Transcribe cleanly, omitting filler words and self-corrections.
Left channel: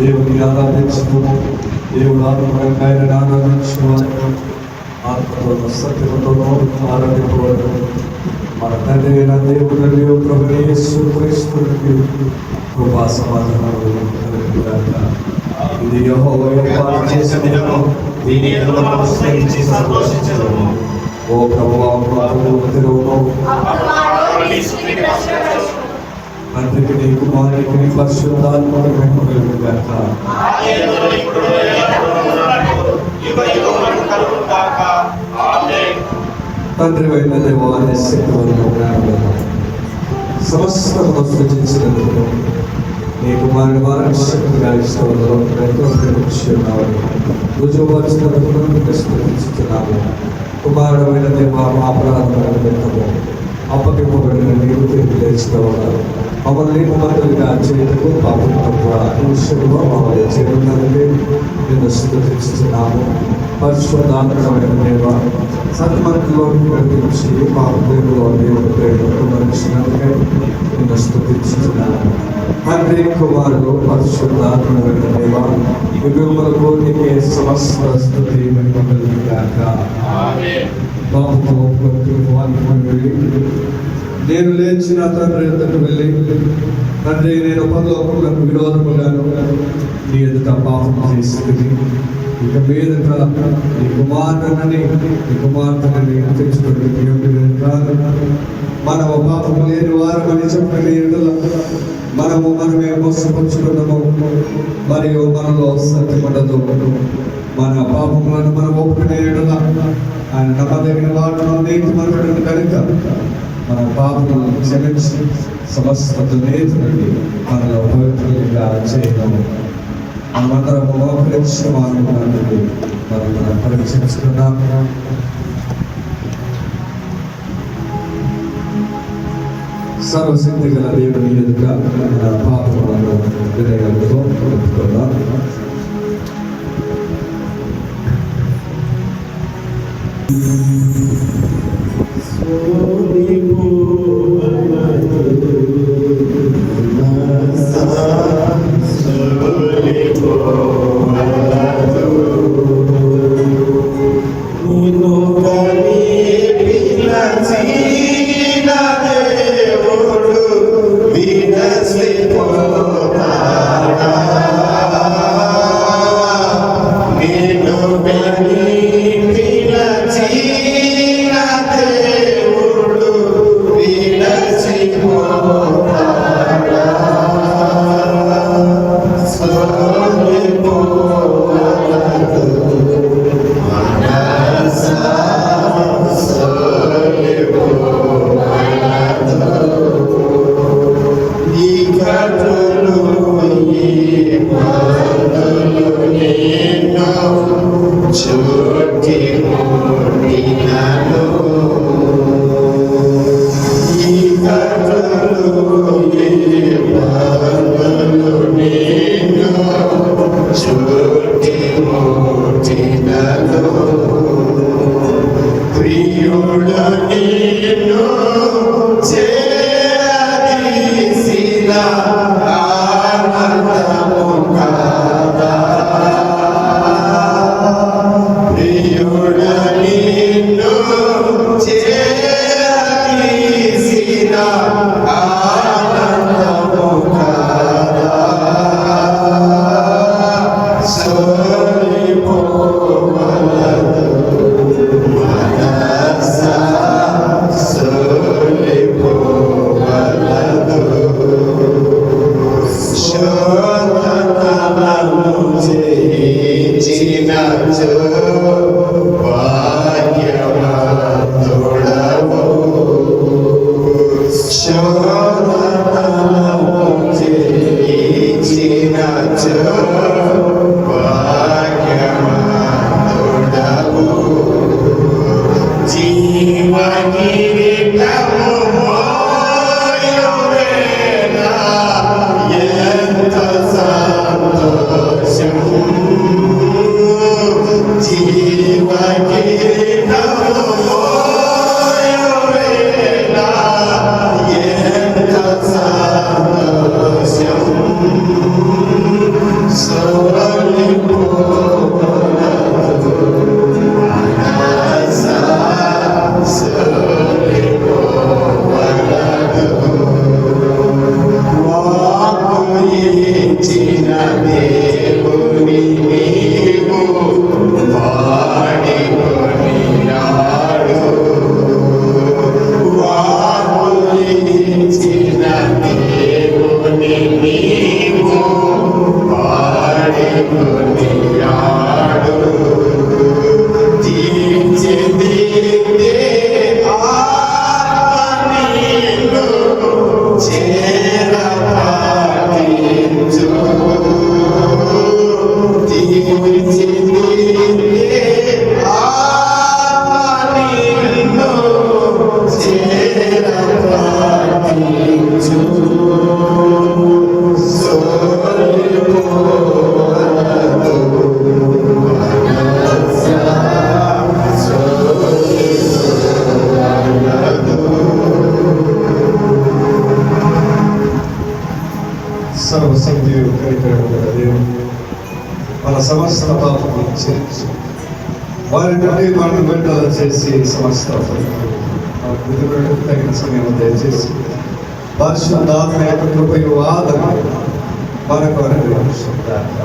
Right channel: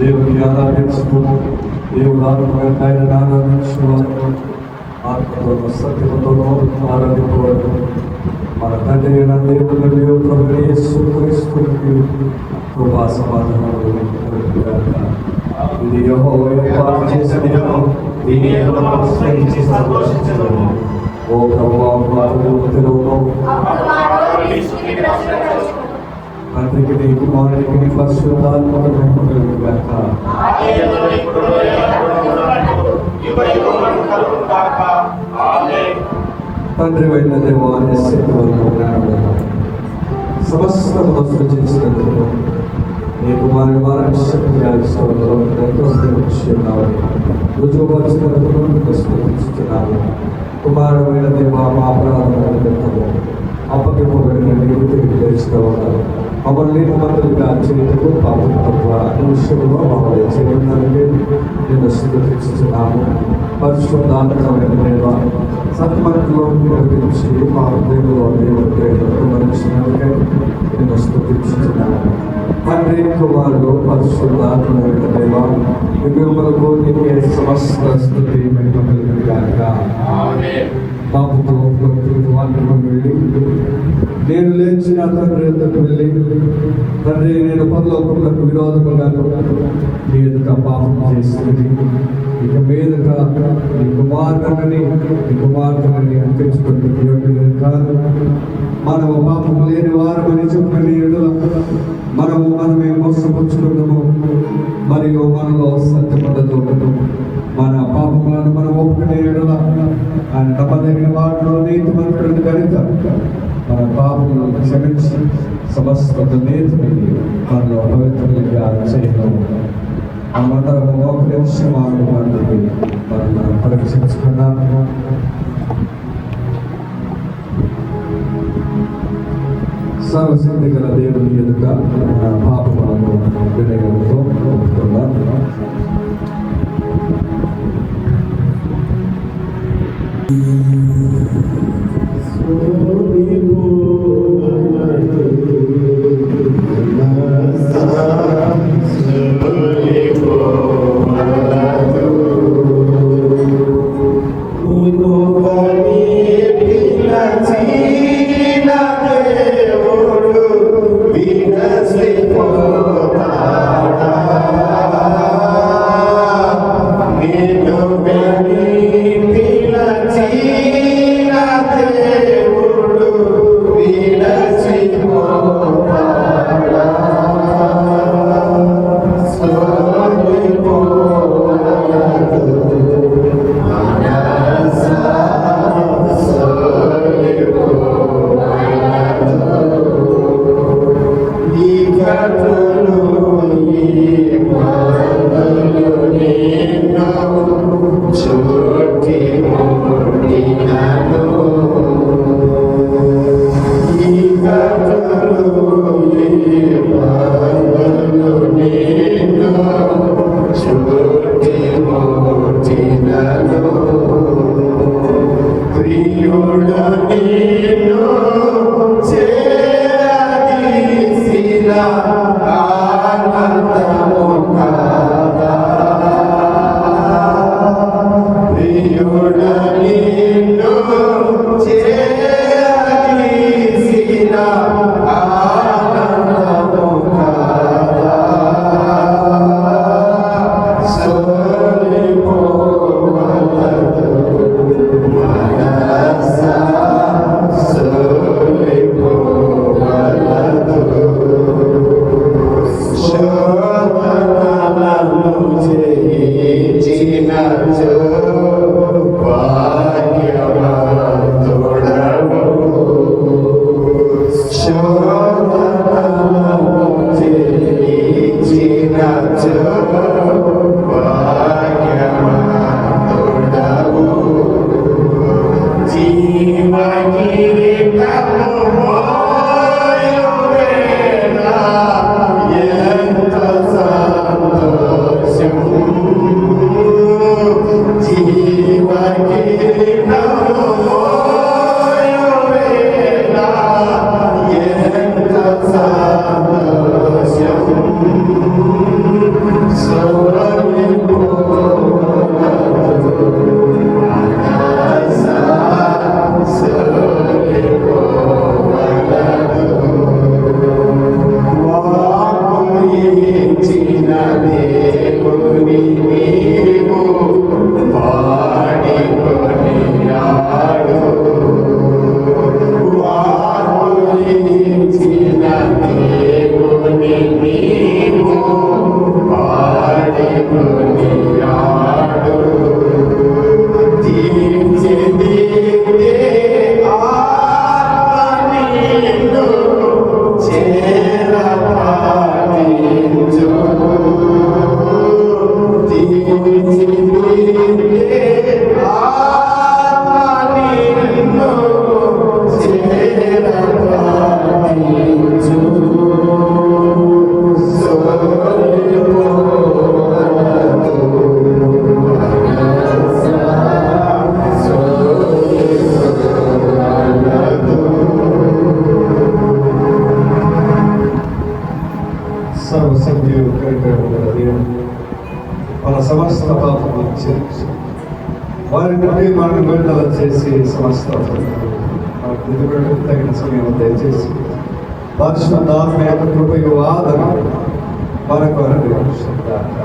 దేవుని ఆరాధించడం, దేవుడు ఆత్మకరంగా ఆయన ఆరాధించడం, ఆత్మలో సత్యములను ఆరాధించడం. మన తండ్రి అయిన దేవుడు ప్రభువైన యేసు క్రీస్తునికి కృపా సమాధానములు కలుగుగాక. ఇది యెహోవా ఏర్పాటు చేసిన దినము, దీని యందు మనము ఉత్సహించి సంతోషించెదము. ఓ ప్రభువా, మాకు దినమును తండ్రికి నీ కుమారునికి నీ పరిశుద్ధాత్మకు కలుగుగాక. తండ్రి అయిన దేవాన్ని సమస్తము సృజించినందుకు నీ కుమారుని వారక్షకునిగా ఇష్టంలో ఎంతో ప్రేమిస్తున్నావు. రుజువు వచ్చినందుకు స్తుతిస్తున్నాము. కుమారుడమైన దేవా, మా అపరాధము అప్పగింపబడిన నీవు తిరిగి లేచినవాడు. మమ్మల్ని కుమారులుగా చేయటకు పాపంలో మమ్మల్ని చేయడానికి నేను స్తుతిస్తున్నాము. పరిశుద్ధాత్మకమైన దేవా, సత్యమంతులో నడిపించి మా హృదయంలో దేవుడికి నేను స్తుతిస్తున్నాను. తండ్రి కుమారుడు పరిశుద్ధాత్మకమైన దేవా, యుగములకు నీకే సమస్త స్తుతి మహిమలుగాక. బాబుతో నేను లేచిన తండ్రి ఎదుటకు వెళ్ళి, తండ్రి నేను పరలోకములకు విరోధముగాను నీ ఎదుట పాపం చేసింది. ఇక మీదట నీ కుమారుని నీ కుమార్తెని తెచ్చుకుంటుంది కాదు. మనము పాపము లేని వారమని చెప్పిన మనమే మోసపరుచుకున్నాము, మరియు మనలో సత్యపడదు. మన పాపములను మనం ఒప్పుకునే ఆయన నమ్మదగిన వాటిలో నీతిమంతుడు కనుక మన పాపములను క్షమించి సమస్త దుర్నీతిని మనలో పవిత్రంగా చేయగలము. మనమందరము మోకరించి మానవులకు మనం పరీక్షించుకున్నాము. సర్వశక్తి గల దేవుని ఎదుట మన పాపములను వినయంతో ఒప్పుకుందాం. Yes. సర్వశక్తి దేవుడు మన సమస్త పాపం చేసి వారి నుండి మనం విడుదల చేసి సమస్త తగిన సమయం దయచేసి పరిశుద్ధాత్మ యొక్క కృపయు ఆదరణ మనకు అనుగ్రహించుగాక.